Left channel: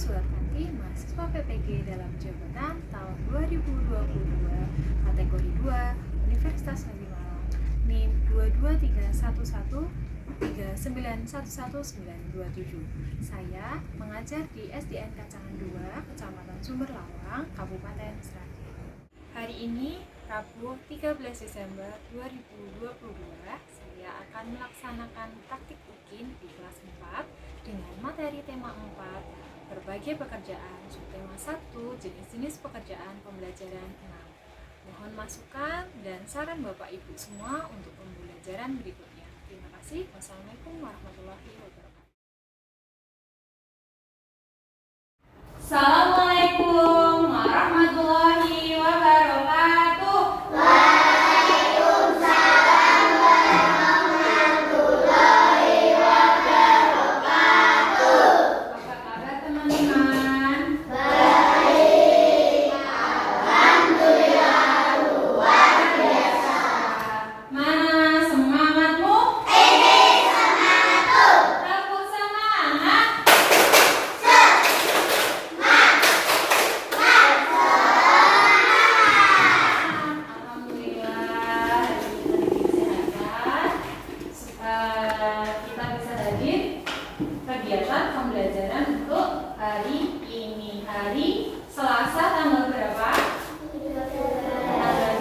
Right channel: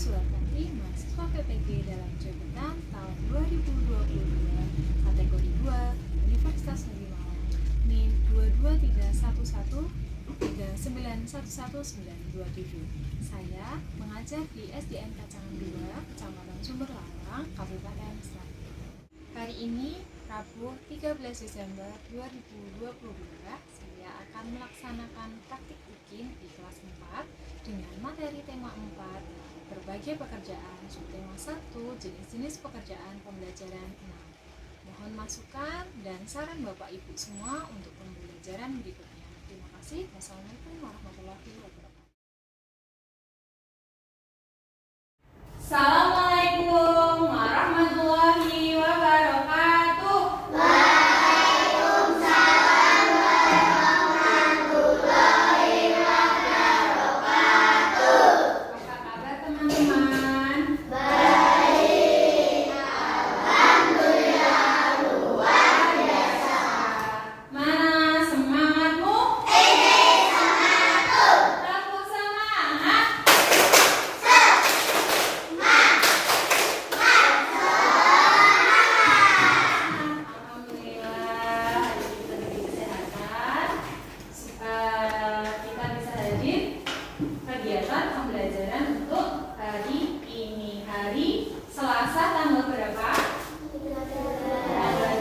Surat Kanti mahasiswa PPG dalam jabatan tahun 2022 kategori 2 Universitas Negeri Malang NIM 22311391197. Saya mengajar di SDN Kacangan 2, Kecamatan Sumber Lawang, Kabupaten Sragen. Hari ini, Rabu 13 Desember 2022, saya akan melaksanakan praktik UKIN di kelas 4 dengan materi tema 4, berbagai pekerjaan, subtema 1, jenis-jenis pekerjaan pembelajaran 6. Mohon masukan dan saran Bapak Ibu semua untuk pembelajaran berikutnya. Terima kasih. Wassalamualaikum warahmatullahi wabarakatuh. Assalamualaikum warahmatullahi wabarakatuh. Waalaikumsalam warahmatullahi wabarakatuh. Apa kabar teman-teman? Baik, alhamdulillah luar biasa. Mana semangatmu? Ini semangatku. Tepuk semangat. Alhamdulillah diberi kesehatan. Kita bisa hadir kegiatan pembelajaran untuk hari ini, hari Selasa tanggal berapa? Tanggal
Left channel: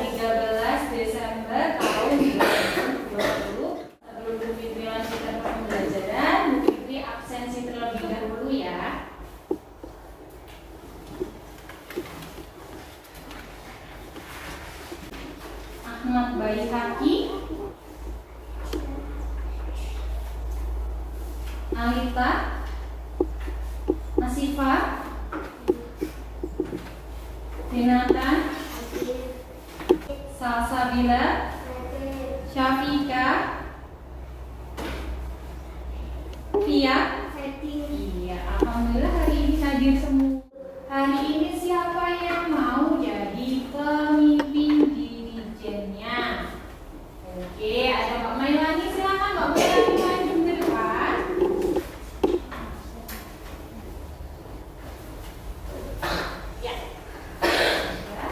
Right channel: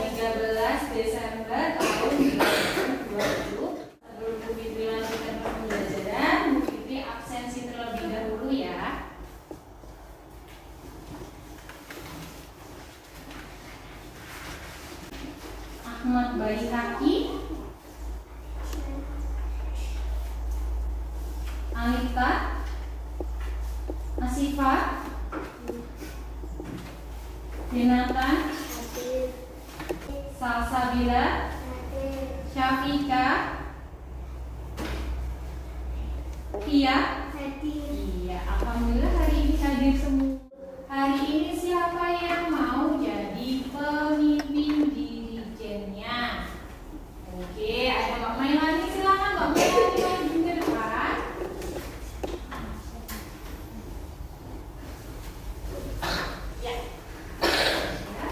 13 Desember tahun 2020. Sebelum Bu Fitri lanjutkan pembelajaran, Bu Fitri absensi terlebih dahulu ya. Ahmad Baihaqi, Alifa, Asifa, Renata, Salsabila, Syafika, Pia. Iya, alhamdulillah hari ini hadir semua. Hari ini siapa yang mau jadi pemimpin dirijennya? Oke, ada Mbak Mailani, silakan Mbak Mailani maju ke depan. Ya. Ya.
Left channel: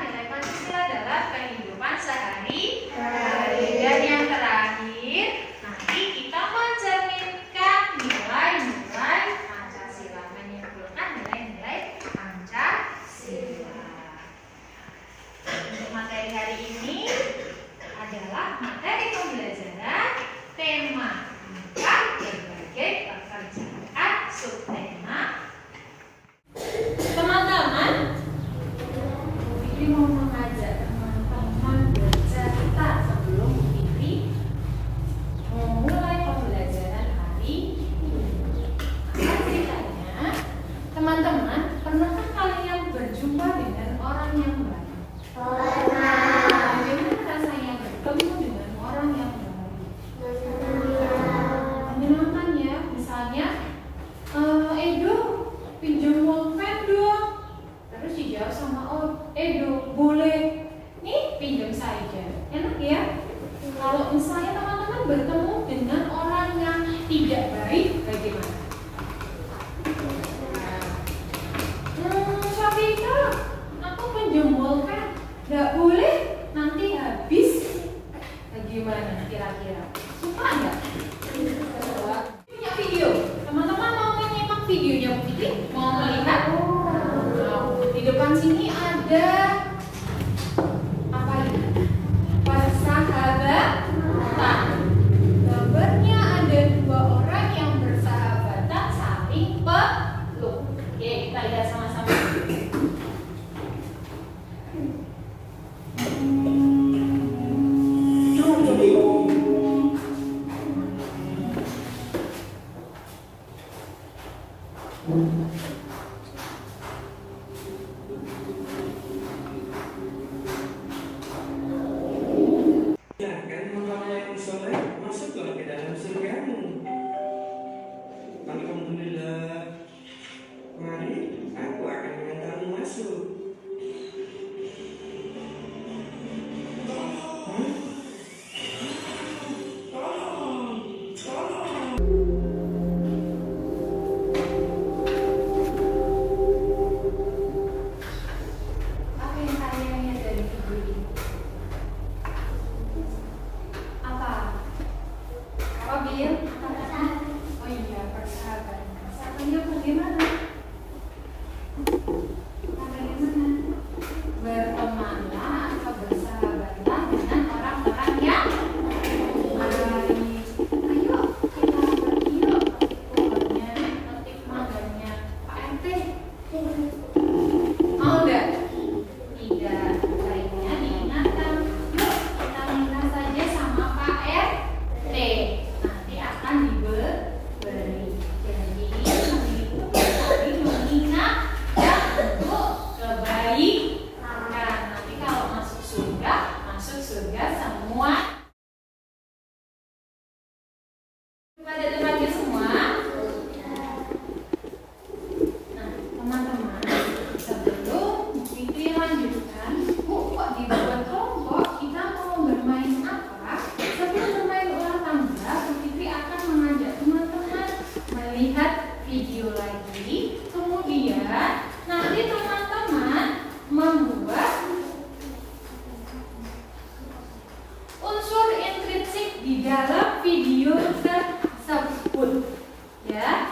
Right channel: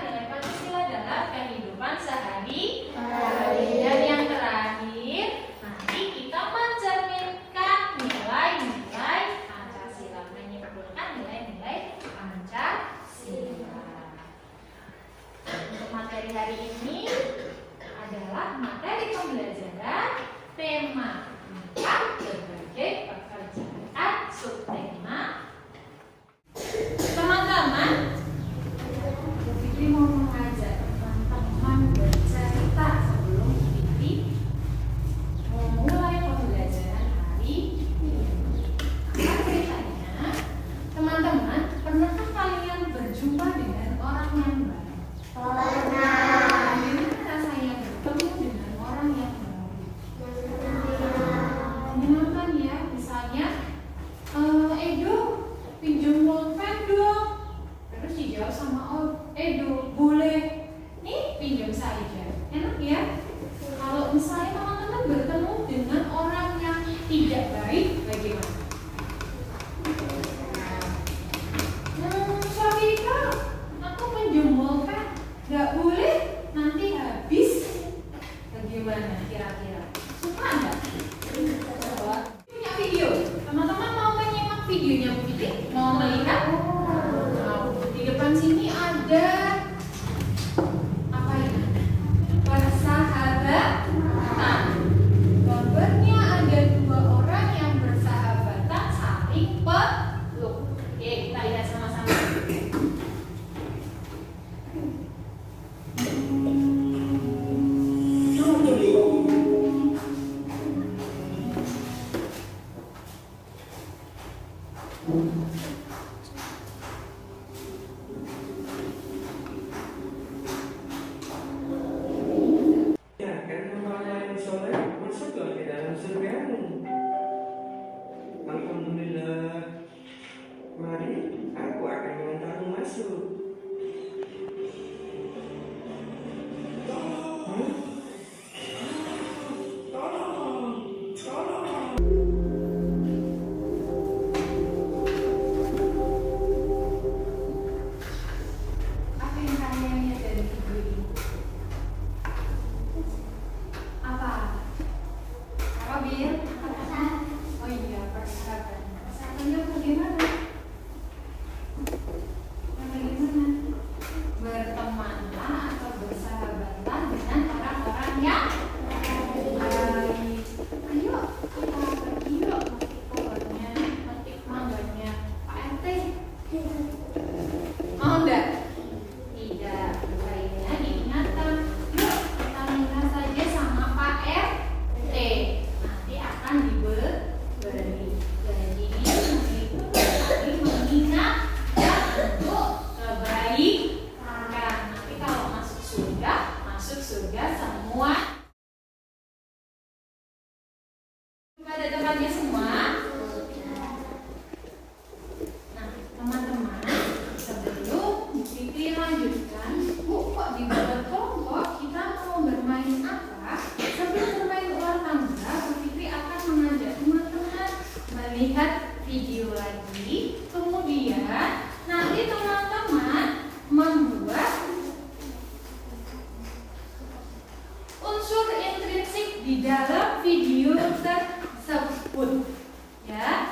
nilai Pancasila dalam kehidupan sehari. Dan yang terakhir, nanti kita mencerminkan nilai-nilai Pancasila, menyimpulkan nilai-nilai Pancasila. Untuk materi hari ini adalah materi pembelajaran tema 4 berbagai pekerjaan subtema. Teman-teman, ini mau mengajak teman-teman bercerita sebelum Fitri memulai pembelajaran hari ini. Apa ceritanya? Teman-teman, pernahkah kalian berjumpa dengan orang yang baru? Bagaimana rasanya bertemu dengan orang yang baru? Menyenangkan ya, misalnya Edo pinjam pulpen dong. Terus dijawab sama Edo, boleh. Nih pinjam saja. Enak ya? Kalau misalnya teman-teman bertemu dengan orang yang tidak baik, bagaimana? Syafika, aku pinjam pulpen. Gak boleh, nanti habis. Bagaimana kira-kira? Suka nggak? Punya video. Teman-teman mau menyimak videonya Bu Fitri? Mau melihat? Mau. Di depan sini ada apa ini? Persahabatan. Gambarnya ada 2 orang yang bersahabatan saling peluk. Oke, kita lihat sama-sama. Ya, kan orang yang soleh masuklah ke dalam surgamu. Alhamdulillah. Mari, aku akan mengantarmu masuk. Apa yang kalian lihat dari video ini? Apa? Apa Bil? Oh iya, persahabatan. Persahabatannya bagaimana? Bagaimana? Bertemanlah atau bersahabatlah dengan orang-orang yang baik. Ayo, kita pergi yuk. Pokoknya petik mangganya Pak RT. Mau enggak? Tidak, baiknya diingatkan. Yuk, kita minta saja sama Pak RT. Nanti akan diberi. Jadi, mengikuti saling mengingat dan untuk kebaikan. Nanti kalau masuk surga semua. Pada tempatnya semua. Nah, teman-teman, sebelum Fitri lanjutkan, Bu, kok dibuat kelompok? Kita mau bermain apa? Sebelum bermain ulang tangga, Bu Fitri akan mengajak teman-teman melihat video lagi. Kemudian nanti teman-teman membuat unsur intrinsik di dalam video tersebut. Ya,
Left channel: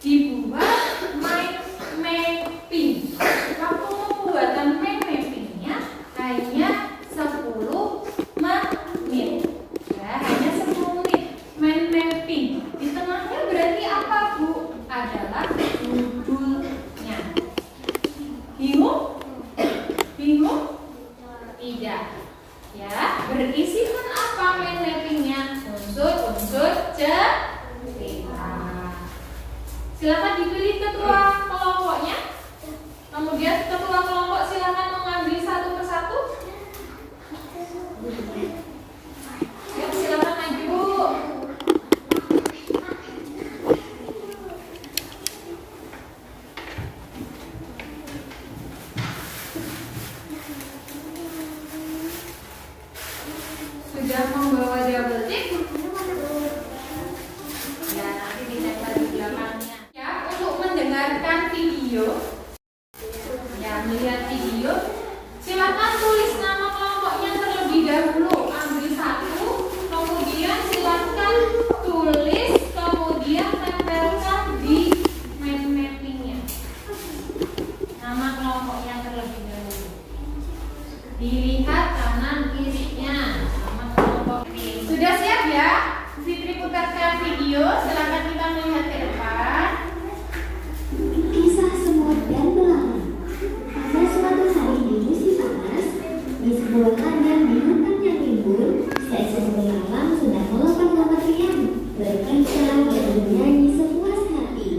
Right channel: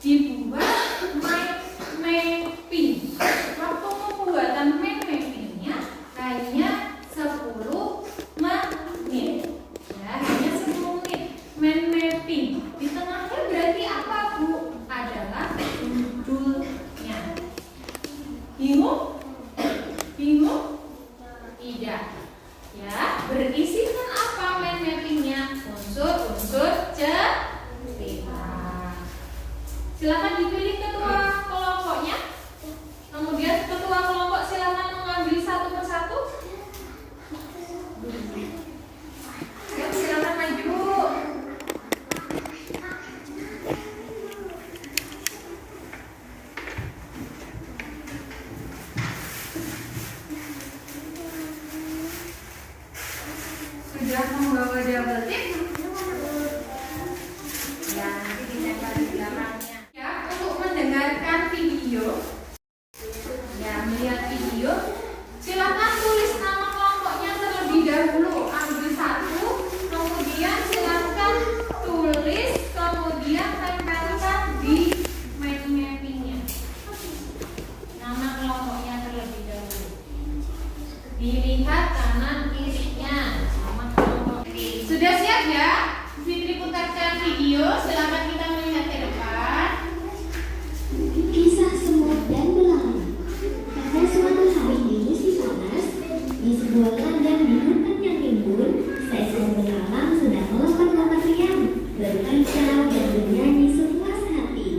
dibuat mind mapping. Waktu pembuatan mind mappingnya hanya 10 menit. Ya, hanya 10 menit mind mapping. Di tengahnya berarti apa, Bu? Adalah judulnya. Bingung? Bingung? Tidak. Ya, berisikan apa mind mappingnya? Unsur-unsur cerita. Silakan dipilih ketua kelompoknya. Kemudian ketua kelompok silakan mengambil satu persatu. Ya, silakan maju. Sudah membawa double tip? Ya, nanti ditempel di belakangnya. Ya, untuk mendengarkan video, ya melihat video, silakan Dilihat kanan kirinya. Sudah siap ya? Fitri putarkan video, silakan kita melihat ke depan. Kisah semut dan belalang. Pada suatu hari di musim panas, di sebuah ladang di hutan yang rimbun, seekor belalang sedang melompat-lompat riang, berkicau dan bernyanyi sepuas hati.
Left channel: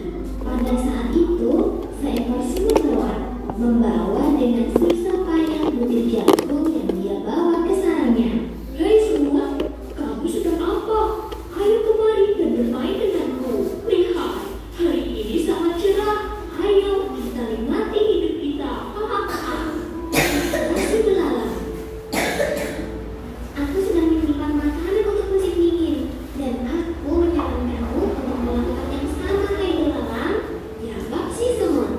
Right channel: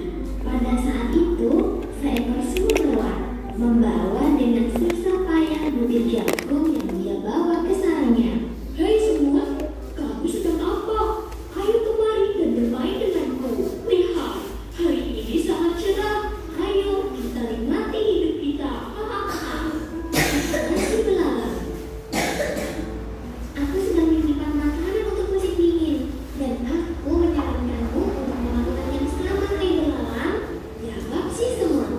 Pada saat itu, seekor semut lewat, membawa dengan susah payah butir jagung yang dia bawa ke sarangnya. Hei semut, kamu sedang apa? Ayo kemari dan bermain denganku. Lihat, hari ini sangat cerah. Ayo kita nikmati hidup kita. Masih belalang. Aku sedang menyimpan makanan untuk musim dingin, dan aku menyarankanmu untuk melakukan yang sama kayak belalang. Jawab si semut.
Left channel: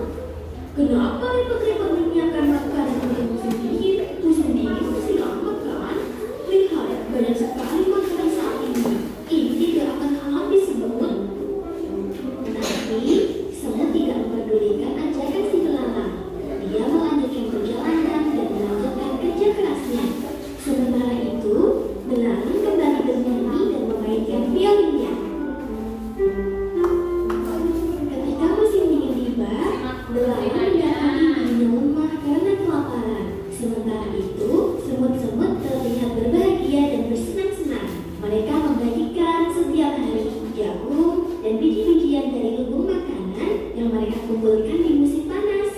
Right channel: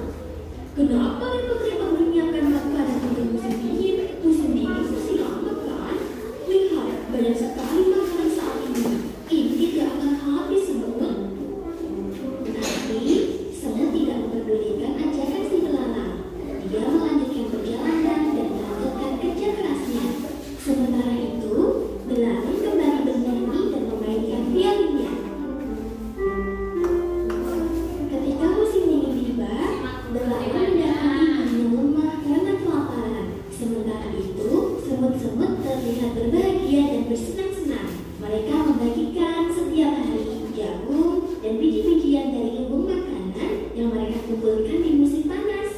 Kenapa repot-repot menyiapkan makanan untuk musim dingin? Musim dingin masih lama kan? Lihat, banyak sekali makanan saat ini. Ini tidak akan habis semut. Tapi semut tidak mempedulikan ajakan si belalang. Dia melanjutkan perjalanan dan melanjutkan kerja kerasnya. Sementara itu, belalang kembali bernyanyi dan memainkan violinnya. Ketika musim dingin tiba, belalang mendatangi rumah karena kelaparan. Sementara itu, semut-semut terlihat berbahagia dan bersenang-senang. Mereka membagikan setiap hari jagung dan biji-bijian dari lumbung makanan yang mereka kumpulkan di musim panas.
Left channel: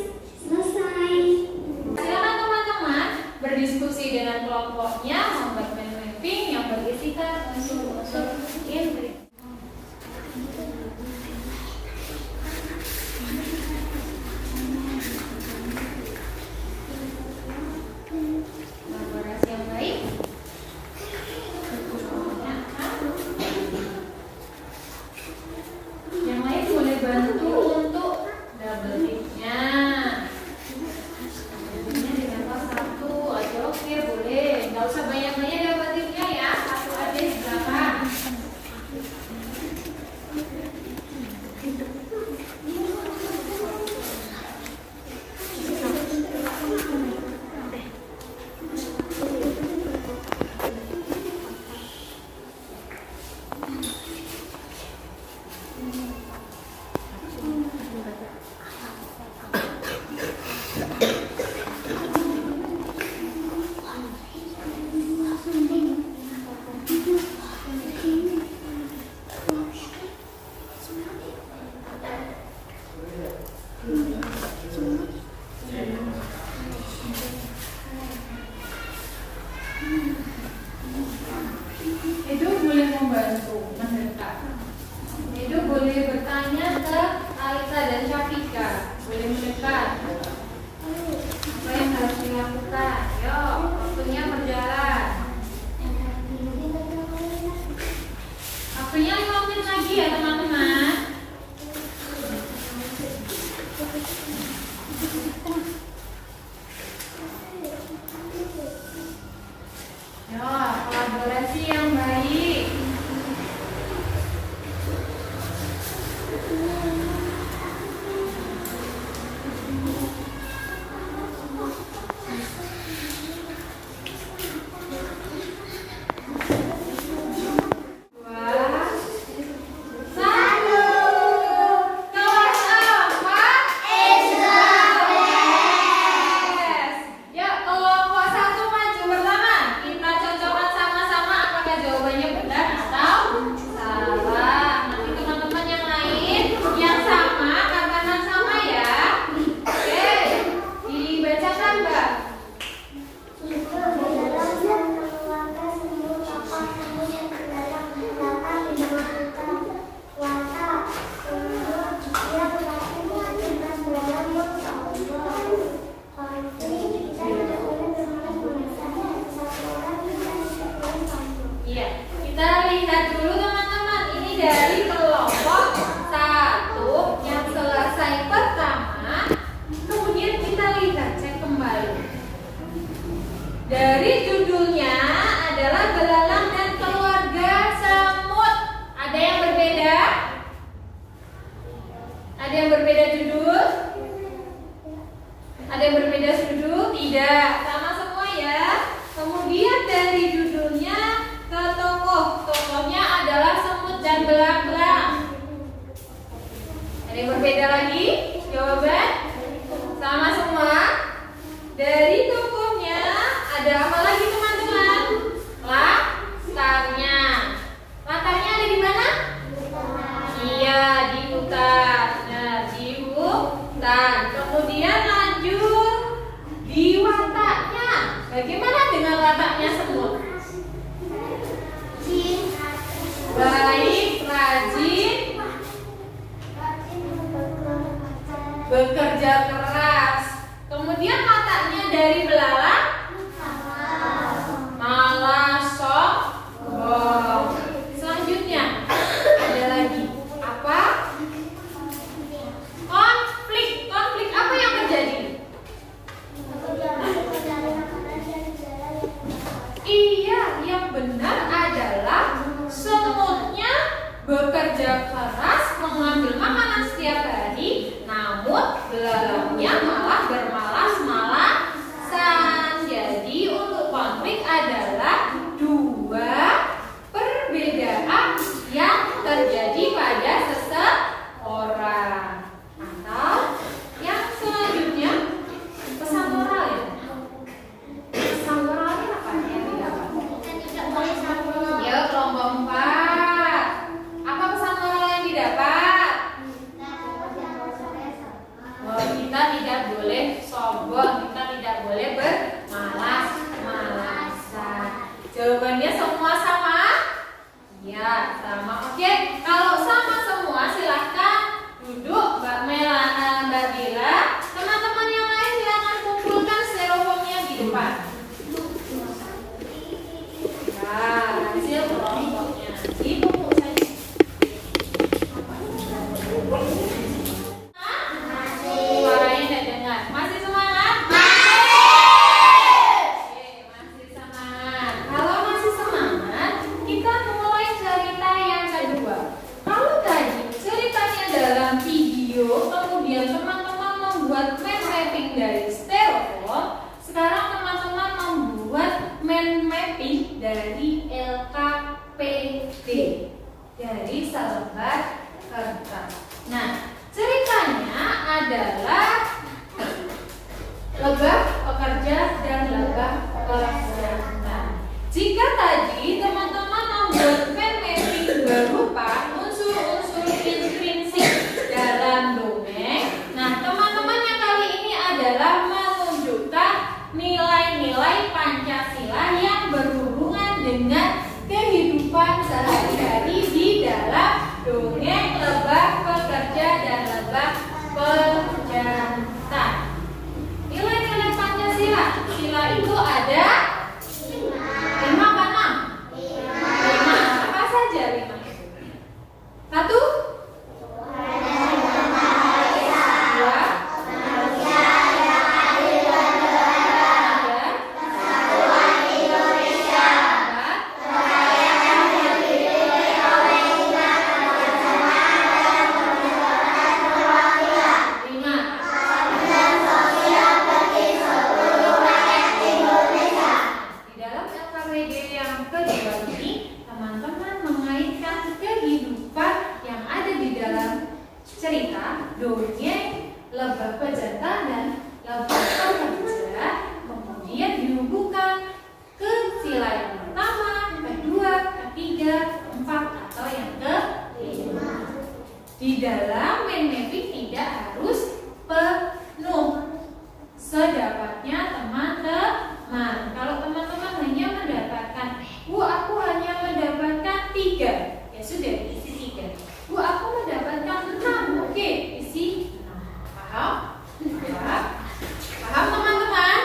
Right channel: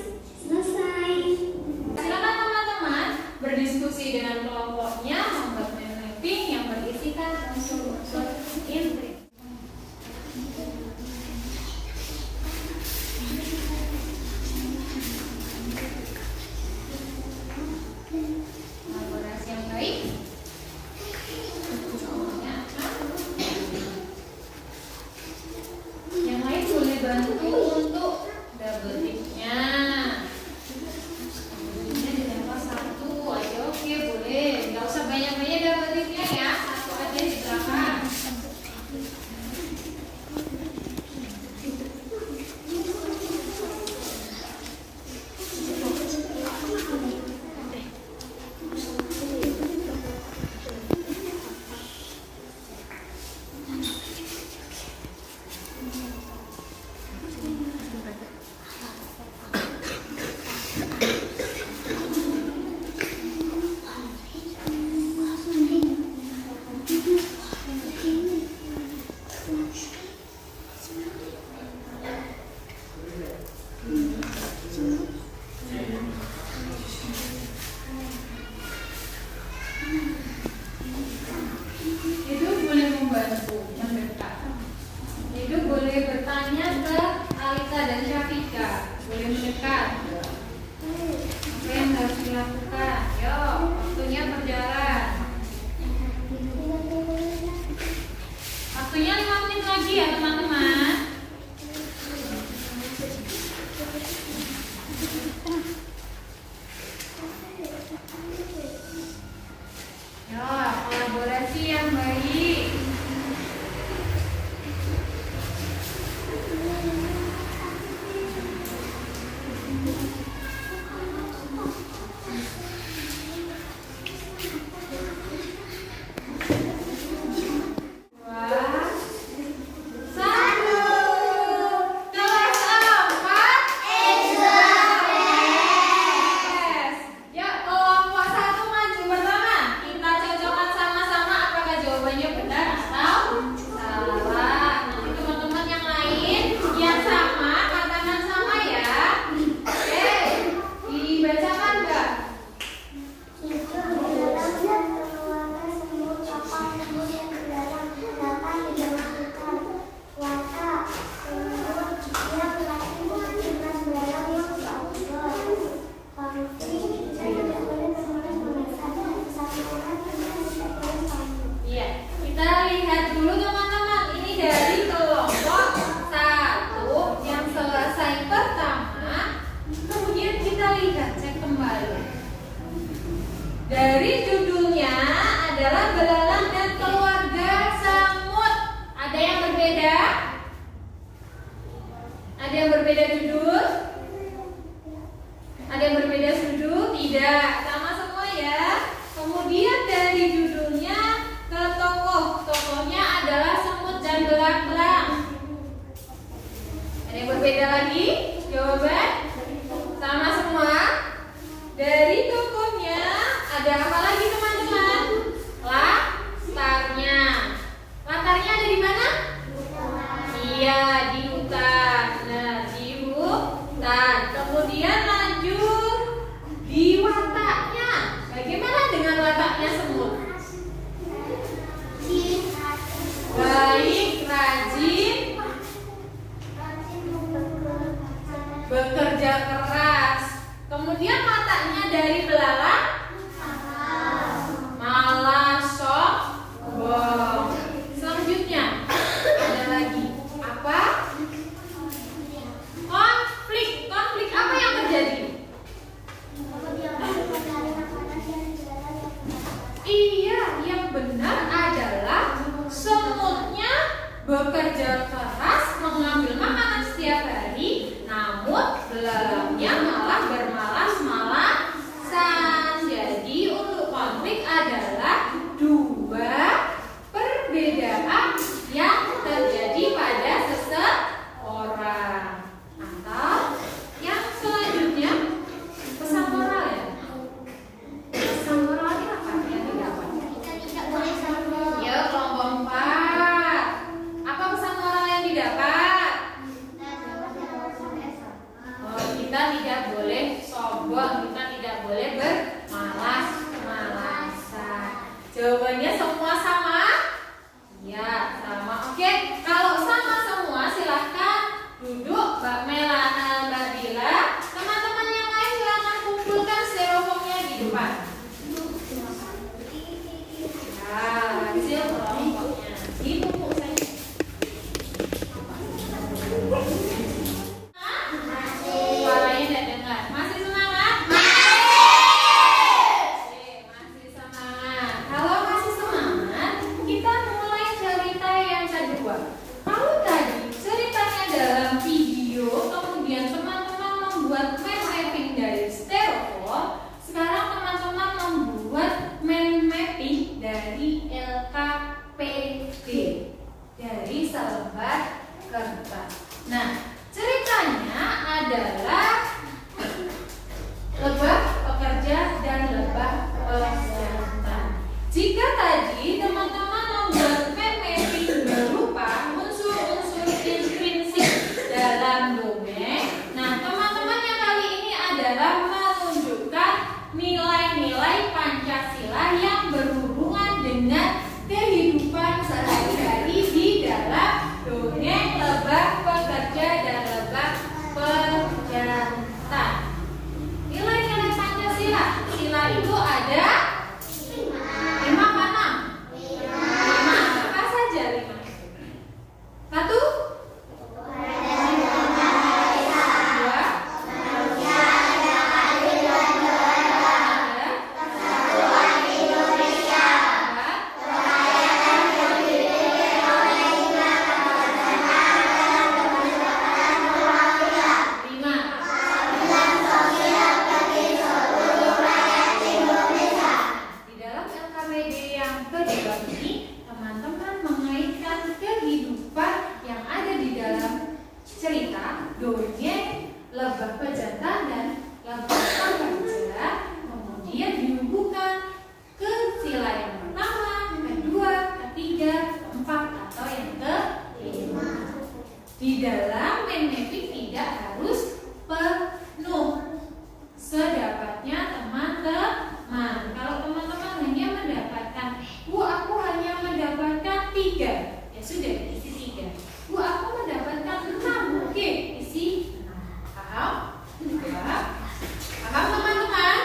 Selesai. Silakan teman-teman berdiskusi dengan kelompoknya membuat mapping yang berisikan unsur-unsur inti. Kolaborasi yang baik. Yang lain boleh bantu untuk double ticknya. Ini ditambah satu aja, oke boleh. Nggak usah banyak-banyak double ticknya ya. Satu aja silakan. Itu boleh membantu mendekat. Itu boleh bertanya ke Alika dan Syafika. Boleh mendekat. Apa yang harus dilakukan? Yuk, waktunya berjalan. Waktunya 5 menit lagi ya teman-teman. Yuk, kolaborasi yang baik. Dari judulnya adalah belalang dan keluarga semut. Ada yang berbeda? Ada yang berbeda judul? Ada yang berbeda judul? Tidak, sama semua ya. Bagaimana dengan letaknya semut? Baik, rajin, bekerja keras. Kemudian letaknya dari belalang? Malas, sombong. Selanjutnya ada lagi apa? Konflik. Konflik apa yang terjadi? Iya, yang benar adalah semutnya bekerja keras mengambil makanan setiap hari, namun belalangnya malah bermalas-malasan. Jadi untuk konflik adalah dua perbedaan yang terjadi pada seseorang. Atau yang selanjutnya pesan moral ya. Pesan moralnya apa yang didapat? Ya, kelompok 4. Apa pesan moral yang didapat? Oh, kita tidak boleh sombong, kita tidak boleh bermalas-malasan. Jawabannya semua sama? Ya, sama. Oke, kalau sama semua silahkan duduk Mbak Melana, Mbak Bila. Teman-teman yang lain silahkan kumpulkan styrofoamnya di depan. Nah, hasil kelompoknya ditumpuk saja. Suaranya tidak dengar. Masih semangat? Oke, masih semangat. Kalau masih semangat, kita mulai cerita yang kedua. Kalau tadi ceritanya dalam video, kemudian teman-teman membuat mind mapping dari styrofoam, sekarang teman-teman membuat mind mapping dari LKPD, dari selembar kertas. Nah, ceritanya adalah lebah pekerja dan lebah pejantan. Jika tadi teman-teman membuat mind mapping berupa unsur-unsur intrinsik dalam dongeng, nah teman-teman yang kali ini adalah menunjukkan nilai-nilai Pancasila yang berhubungan dengan kehidupan sehari-hari di dalam dongeng lebah pekerja dan lebah pejantan. Nilai-nilai Pancasila, sila itu ada 5 apa 6? 5. Apa saja 5? 1, 4 atau yang ke-5. Di dalam mind mapping tidak harus penuh, sedapatnya teman-teman. Kalau teman-teman hanya mendapatkan, Bu, aku hanya mendapatkan 3, ya sudah isi 3. Bu, aku mendapatkan 6, oke, isi 6. Paham? Paham? Paham teman-teman?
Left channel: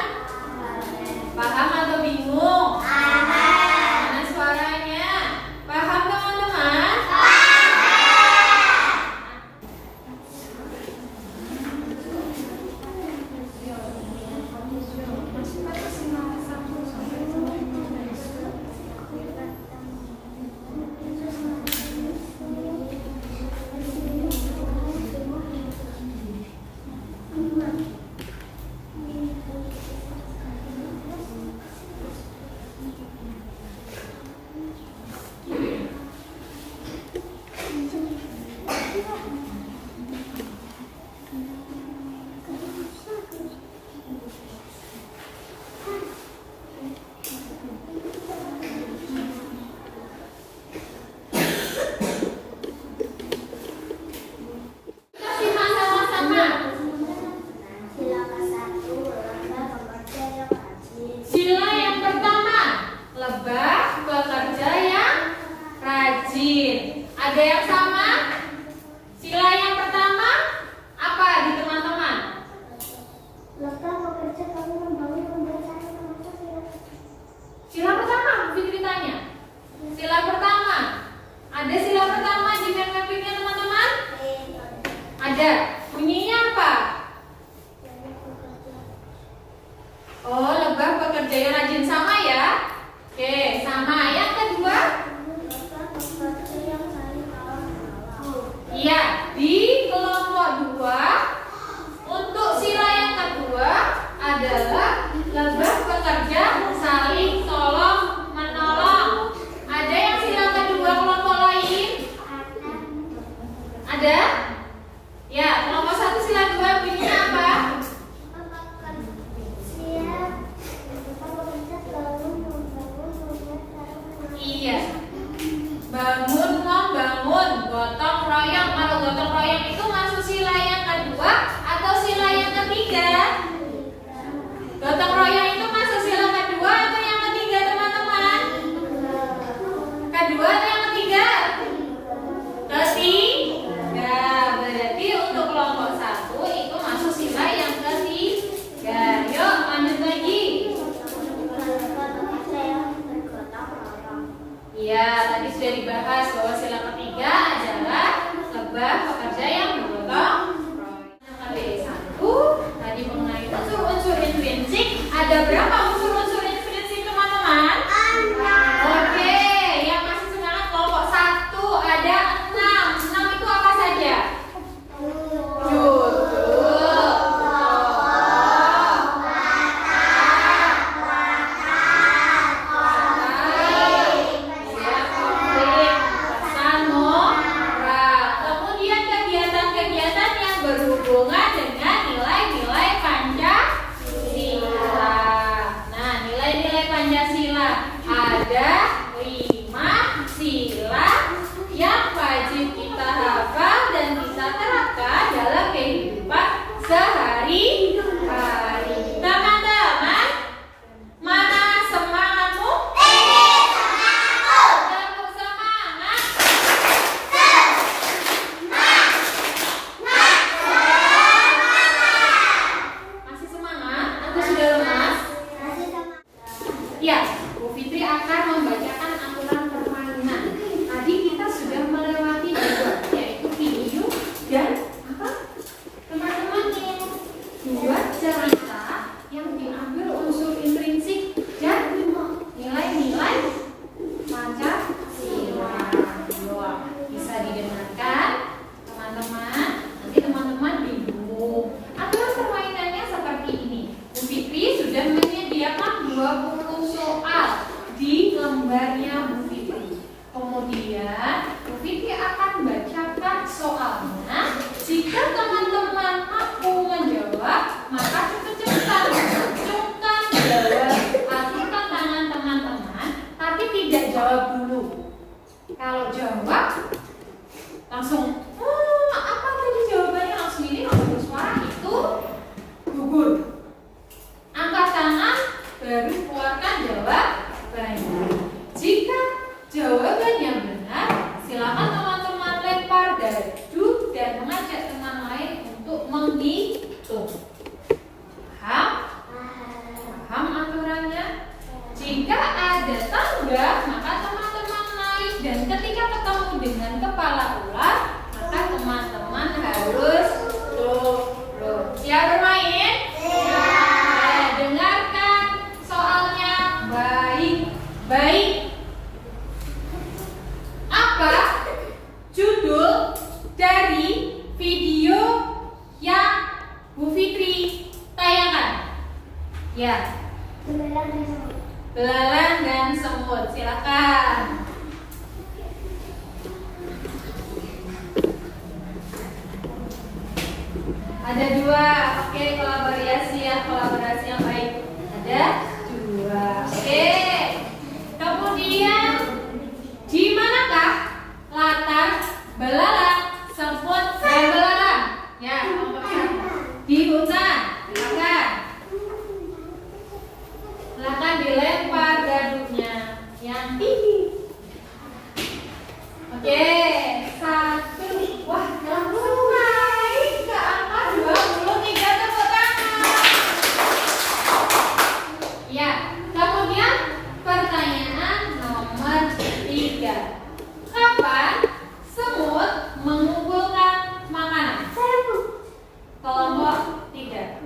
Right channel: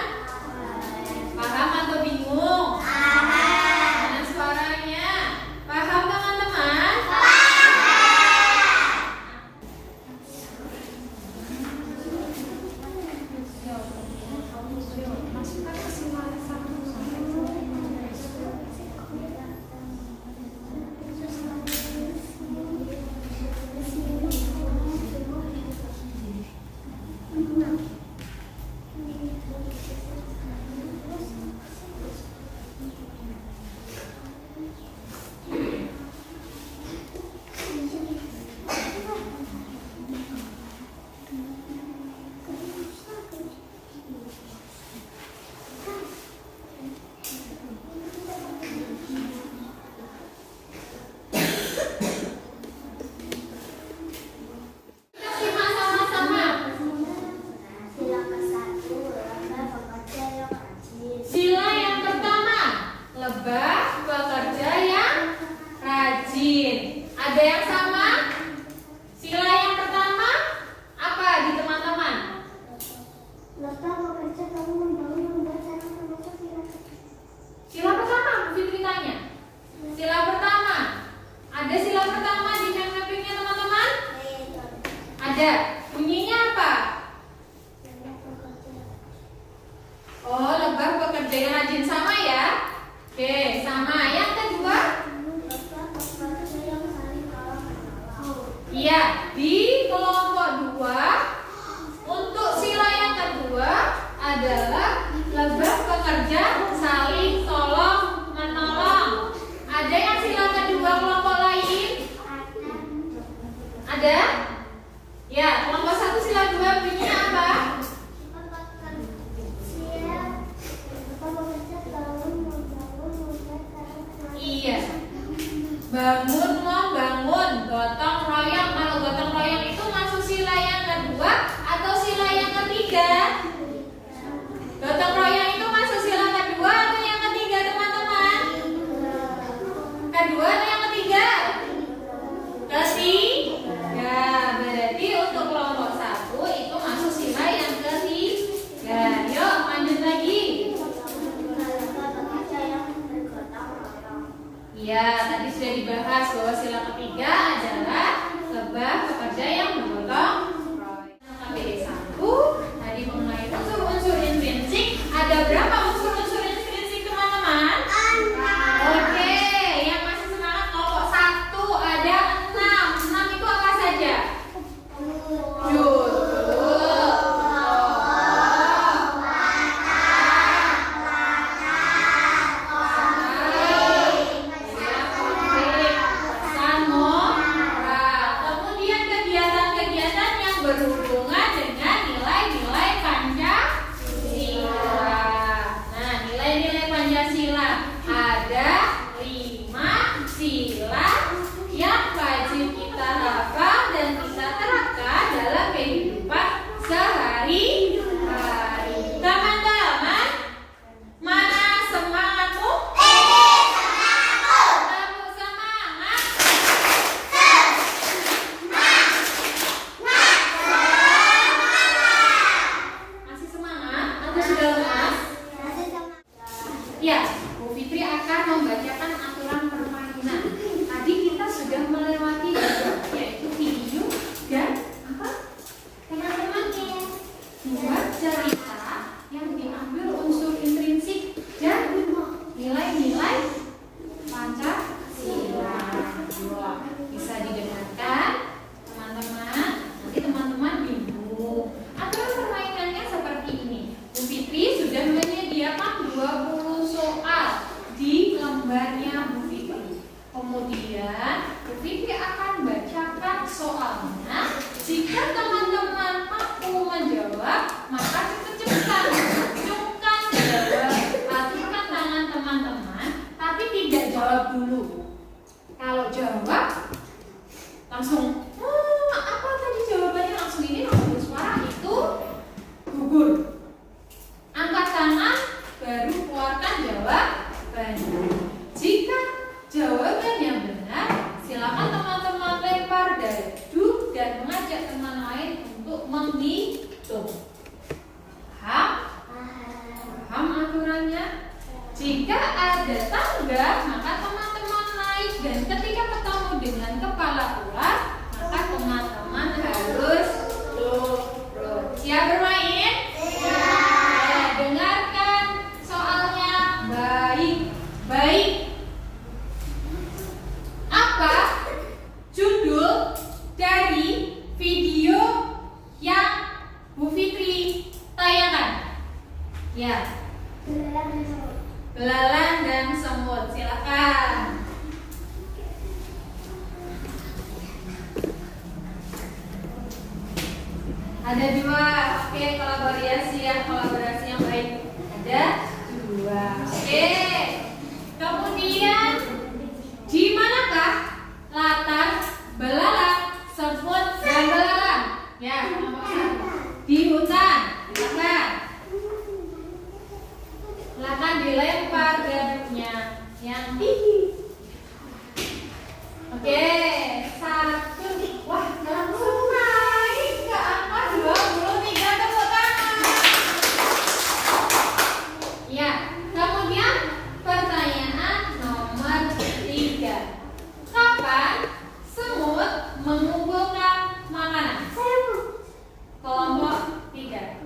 Paham atau bingung? Mana suaranya? Paham teman-teman? Sama. Yang kedua? Iya, di kelompok 2 untuk sila yang kedua adalah lebah pekerja saling tolong menolong. Ada yang sila kedua kelompok lain? Ada? Ya, kelompok 1 sila 2 bunyinya apa? Iya. Bangun membangun, gotong royong. Kalau gotong royong itu masuk sila yang kedua atau sila yang ketiga? Gotong royong itu masuk sila kedua atau yang ketiga, teman-teman? Kedua atau yang ketiga? Ketiga. Berarti untuk kelompok 1 itu masuk sila yang ketiga. Yuk lanjut lagi. Iya, tadi sudah dibahas bahwa sila ketiga adalah lebah pekerja yang bergotong royong. KBD1 tadi mengenai unsur-unsur intrinsik. Ada berapa unsur-unsur intrinsik, teman-teman? Oke, yang masih semangat kelompok 1 ada 6. 6 itu apa saja? Judul, kemudian kegiatan-kegiatan yang berhubungan dengan nilai-nilai Pancasila. Nah, nilai-nilai Pancasila ada 5 sila yang wajib kita hafal dan kita terapkan dalam kehidupan sehari-hari. Teman-teman, mana semangatmu? Tepuk semangat. Masih semangat atau sudah lemas? Ya, Bu Fitri akan membacakan aturan permainan. Tadi kita sudah melewati 2, yaitu video dan apa? Teman-teman, 2 cerita yang diambil unsur intrinsik dan nilai-nilai Pancasila. Wah, bisa didengarkan teman-teman. Nanti teman-teman bingung. Aturan permainannya seperti ini. Bu Fitri sudah menyediakan 20 soal di lembarnya Bu Fitri. Kemudian Bu Fitri akan bacakan soalnya. Jika teman-teman mampu menjawab, maka cepat-cepatan acungkan acungkan tangan teman-teman, tapi tidak jawab dulu. Kalau jawab langsung apa tadi jawabannya, langsung ini langsung bersuara, itu gugur. Angkat tangan baru keluarkan jawabannya. Jika jawabannya benar, silakan teman-teman lempar dadu dan mengajak teman lain untuk menghitung. Paham? Paham aturannya? Jika ada tangga, maka teman-teman naik, dan ketika ketemu dengan kepala ular, maka teman-teman harus turun. Siap bermain? Dengarkan soalnya baik-baik. Apa judul dari video yang Bu Fitri tayangkan? Ya, belalang dan semut. Silakan. Ada 2. Oke, kolaborasi yang baik. Ada 2. Oke. Kemudian di manakah latar belalang, semut, dan belalang? Ya, kelompok 1. Di hutan. Silakan dilempar gadunya yang tinggi. Oke, 1. Wah, langsung naik ke angka 23. Tepuk tangan. Ya, kemudian pertanyaan nomor 3. Kapan semut mengumpulkan makanan? Kelompok 3.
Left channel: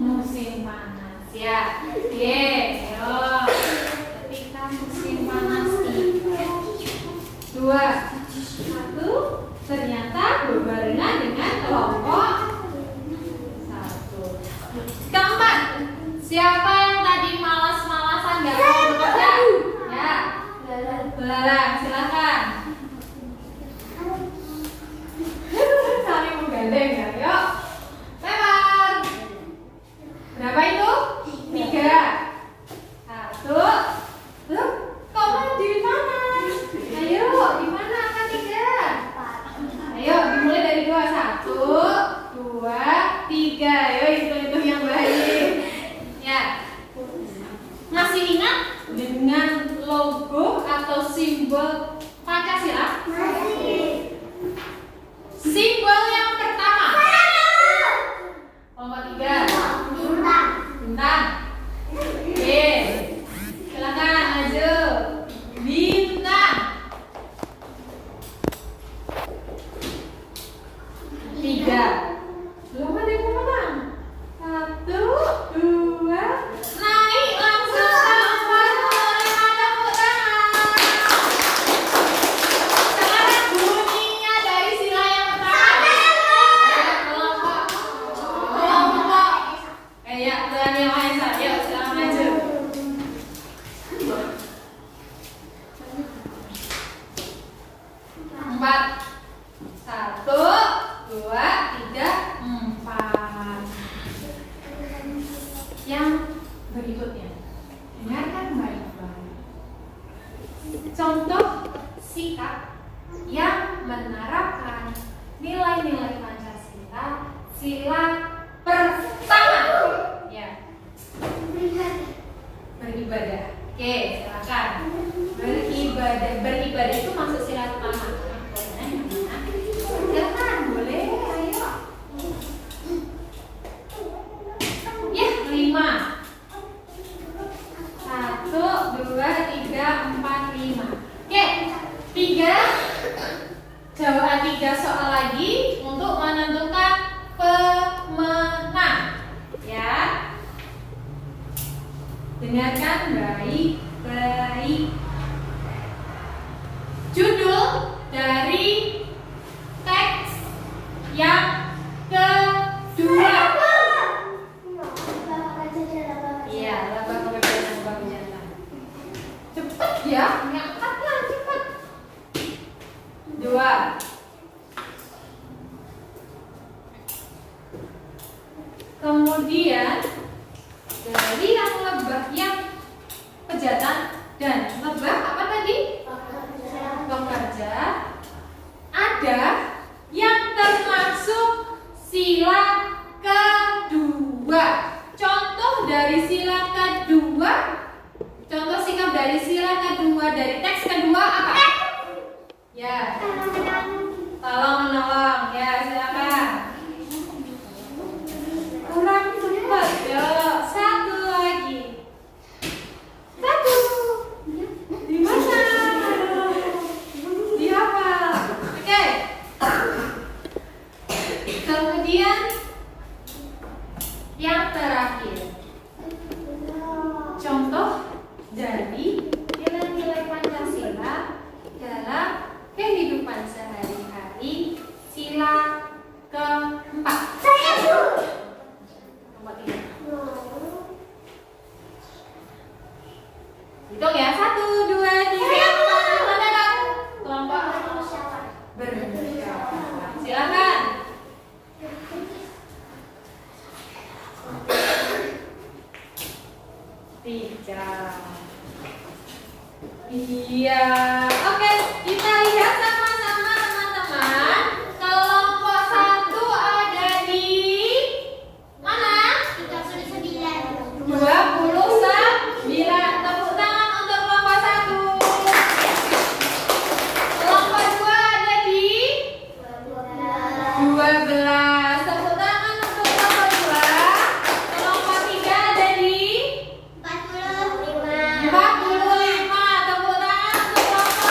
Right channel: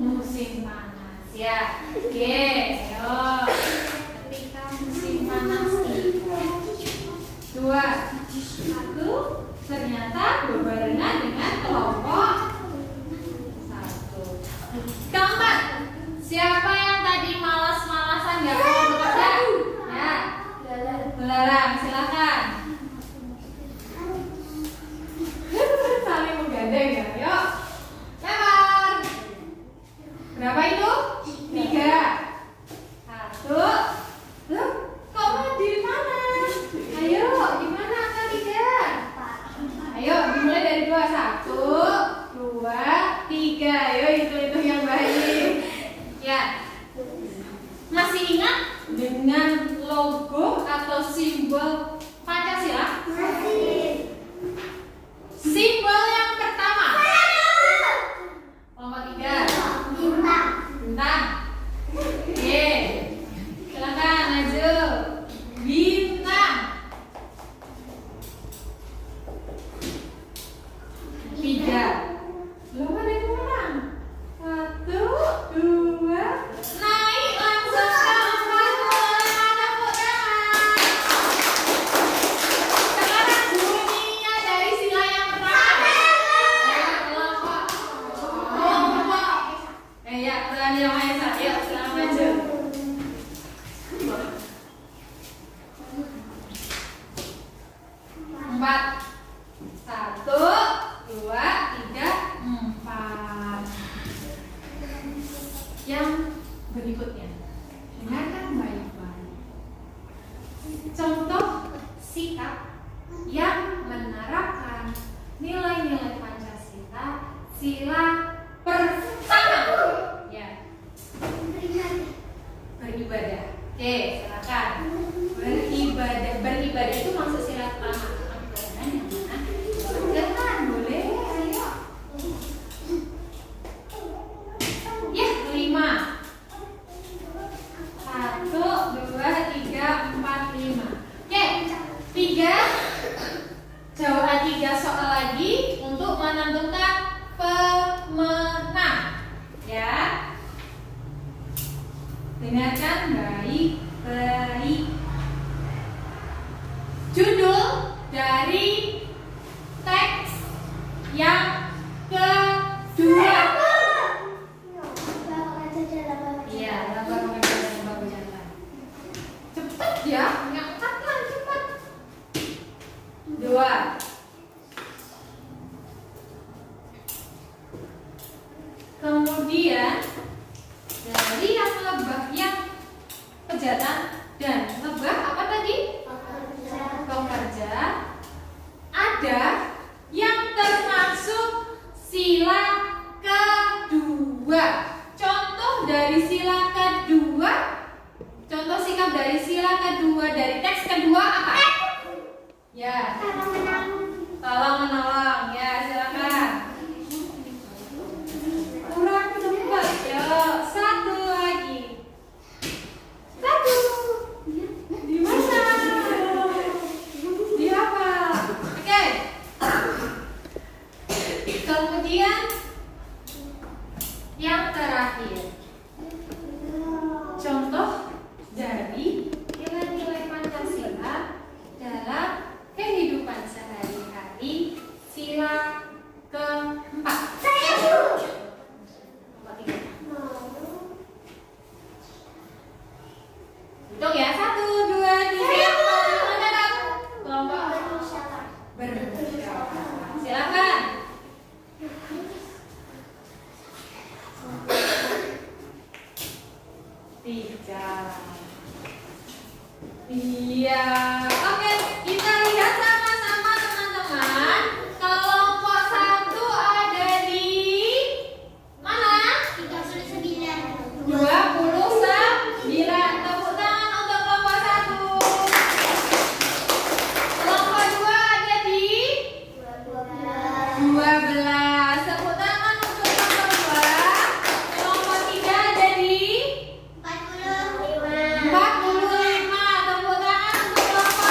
Musim panas. Ya, oke. Ayo. kelompok 1. Keempat, siapa yang tadi malas-malasan nggak mau bekerja? Ya, belalang, silakan. Saling menggandeng ya, yuk. Lempar. Berapa itu? 3. 1. Loh, kamu di mana? Ayo, di mana angka 3? Ayo, dimulai dari 2. 1, 2, 3. Ayo, hitung-hitung yang baik. Ya. Masih ingat dengan logo atau simbol Pancasila? Simbol yang pertama. Kelompok 3. Bintang. Oke. Silakan maju. Bintang. 3. Belum ada yang menang. 1, 2. Naik langsung ke 4. Tepuk tangan. Sekarang bunyinya dari sila yang pertama. Kelompok. Ya, Tuhan Yang Maha Esa. Yuk, silakan maju. 4. 1, 2, 3, 4. Yang berikutnya, dengarkan baik-baik. Contoh sikap yang menerapkan nilai-nilai Pancasila sila pertama. Ya, beribadah. Oke, silakan. Beribadah itu masuk sila pertama. Jangan, boleh, ayo. Ya, 5. 1, 2, 3, 4, 5. Oke, 3. Jawab 3 soal lagi untuk menentukan pemenang. Ya. Dengarkan baik-baik. Judul dari teks yang kedua. Iya, laba pekerjaan dan baku jantan. Cepet ya, ngangkatlah cepat. 2. Kemudian dari yang lebah yang pejatan dan lebah apa tadi? Pekerja. Ada yang termasuk sila kedua. Contoh dari sila kedua, contoh sikap dari sila kedua dari teks kedua apa? Ya, tolong menolong. Ya, silakan. Kurang cepat, yuk. 1 lagi. 1. Di mana? Di apa? Oke. Kemudian yang terakhir, contoh dari nilai-nilai Pancasila dalam kehidupan sehari-hari sila keempat. Hitung ya, 1, 2, 3, 4, 5. Kelompok bermusyawarah. Silakan. 3. Iya. Oke, kita lihat sama-sama teman-teman. Kelompok 1 ada di mana? 29. Tepuk tangan untuk kelompok 1. Kelompok 2 ada di 12. Tepuk tangan untuk kelompok 2. Kelompok 3 ada di 45. Tepuk tangan untuk kelompok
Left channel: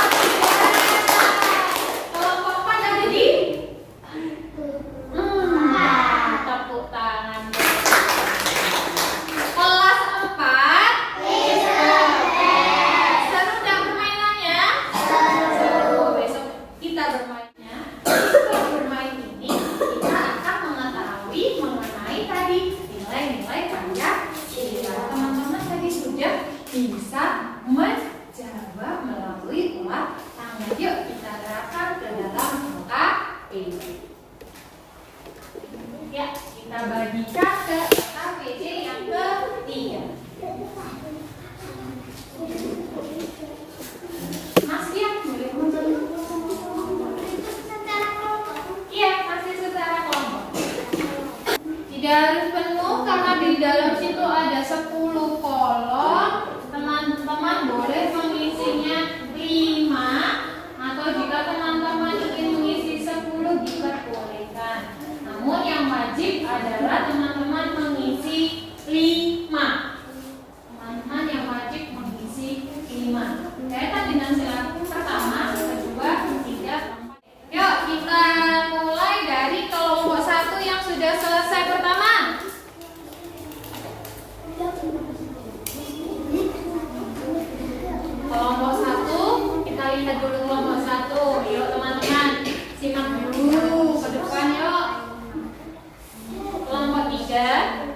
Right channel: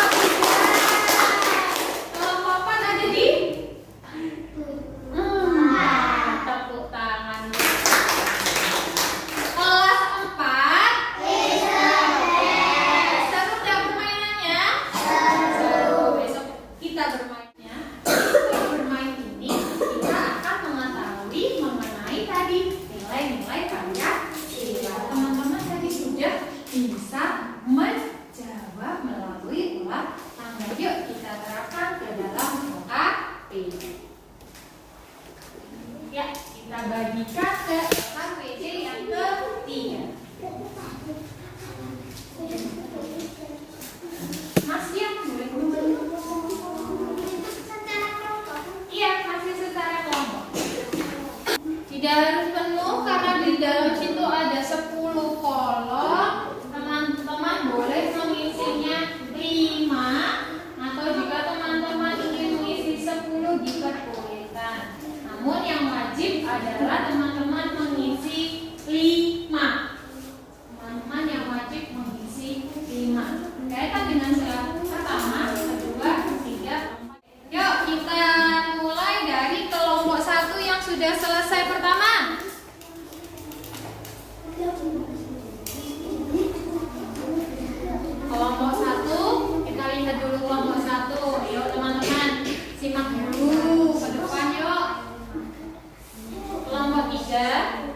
Kelompok 1, kita lihat dulu kelompok 1. Yuk teman-teman, simak dulu ke depan yuk. Kelompok 3,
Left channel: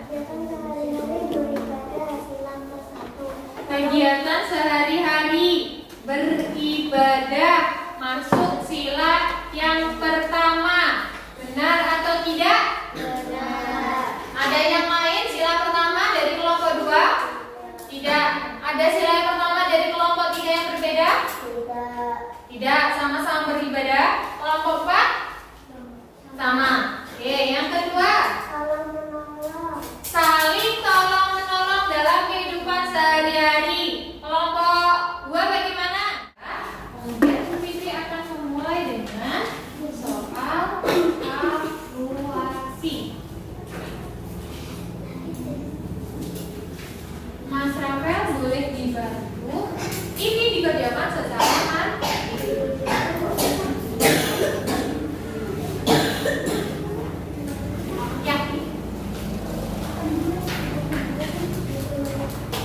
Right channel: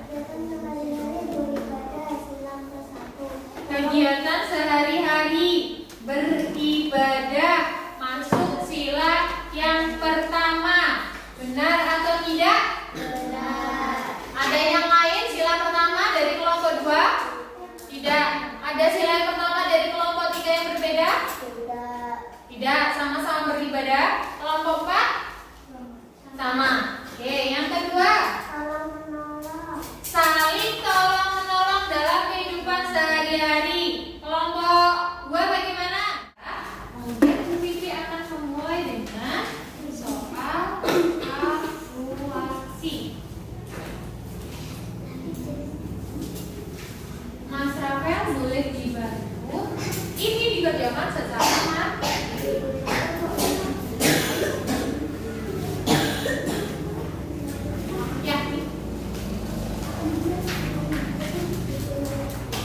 kegiatan sehari-hari beribadah masuk sila yang pertama. Benar atau tidak? Benar. Ada yang lain sila pertama dari kelompok 2? Tidak. Ada sila yang pertama dari kelompok 3 yang berbeda? Tidak. Tidak, sama-sama beribadah. Kelompok 4? Sama. Oke, yang kedua? Saling tolong menolong dalam kehidupan sehari-hari. Kelompok 2 bagaimana? Kemudian Bu Vivi akan memulai dengan soal kalkulasi. Mas Rafael boleh dibantu. Ini dikerjakan secara mandiri. Ya.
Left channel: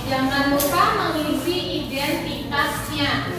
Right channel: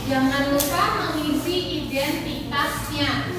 Jangan lupa mengisi identitasnya.